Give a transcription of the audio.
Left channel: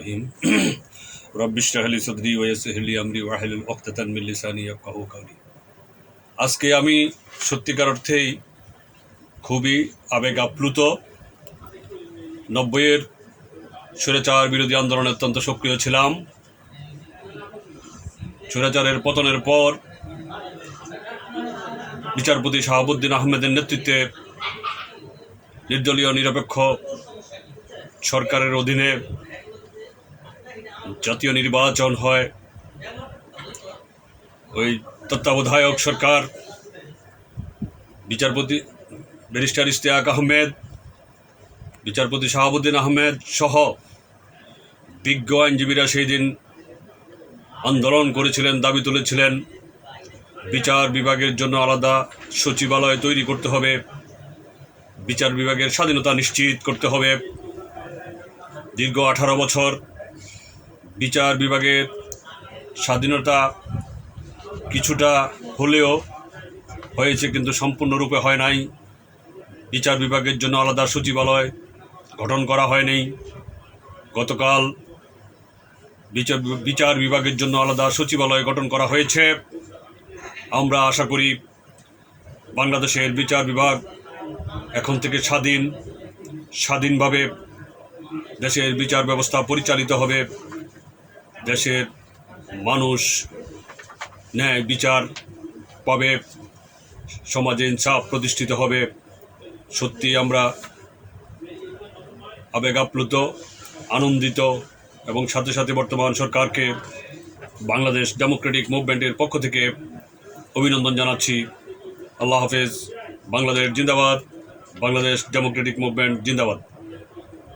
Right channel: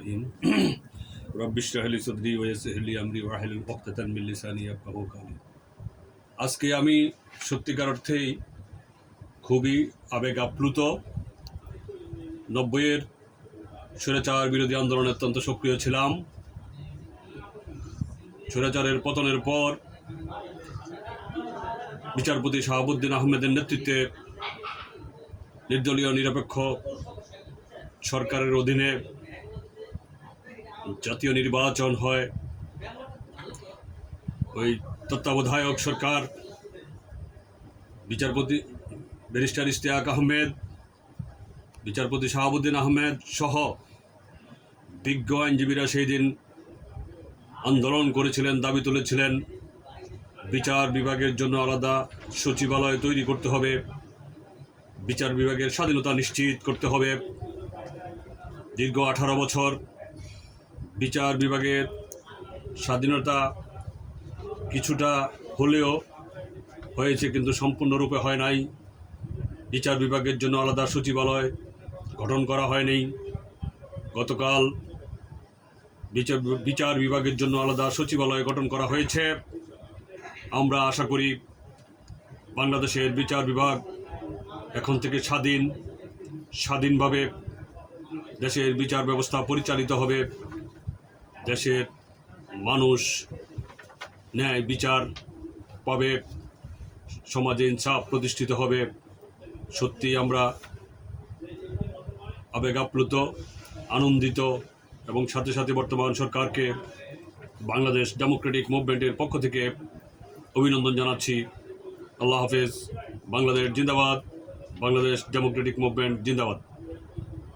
রহিম রব্বিশ রাহলি সদরি ওয়াসিহলি আমরি ওয়াহিলুল উকতাতান মিন লিসানি ইয়াফকাহু কাওলি। আজকে আমি সত্যিকার অর্থেই খুবই আবেগ আপ্লুত নব্বইয়ের সুরেচার বিরোধী আন্দোলনে অত্যন্ত সক্রিয় ছিলাম। সুরেচারের পতনের পর বিচারপতি শাহাবুদ্দিন আহমেদের নেতৃত্বে নির্দলীয় নিরপেক্ষ সরকারের অধীনে জাতীয় নির্বাচন হয়। ওই তত্ত্বাবধায়ক সরকার, বিচারপতি ব্যারিস্টার ইশতিয়াক আহমেদ, বিচারপতি শাহাবুদ্দিন আহমেদ সহ বিজ্ঞ আইনজীবীরা সেই দিন আন্দোলন করেছিলেন, দাবি তুলেছিলেন, বিচার বিভাগের জন্য আলাদা সচিবালয় তৈরি করতে হবে, বিচার বিভাগের স্বাধীনতা নিশ্চিত করতে হবে। দীর্ঘ আঠারো বছর বিচার বিভাগের স্বাধীনতা কিছুটা হলেও হয়েছে কিন্তু সম্পূর্ণরূপে হয় নাই। বিচার বিভাগের জন্য আলাদা সচিবালয় গঠন করা হয়নি। গতকাল বিচার বিচার বিভাগের জন্য আলাদা সচিবালয় গঠন করা হয়েছে। আমরা আশা করি বাংলাদেশের বিচার বিভাগ এখন থেকে স্বাধীন, স্বাধীনভাবে দেশের বিচার ব্যবস্থা পরিচালিত হবে। দেশের মানুষ ন্যায় বিচার পাবে, সমাজে ইনসাফ প্রতিষ্ঠিত হবে। সত্যি আমরা আবেগ আপ্লুত আনন্দিত এবং সাথে সাথে বর্তমান সরকারকে বাংলাদেশ ডেমোক্রেটিক মুভমেন্টের পক্ষ থেকে অভিনন্দন জানাচ্ছি। আল্লাহ হাফেজ। বাংলাদেশ জিন্দাবাদ। বাংলাদেশ ডেমোক্রেটিক মুভমেন্ট জিন্দাবাদ।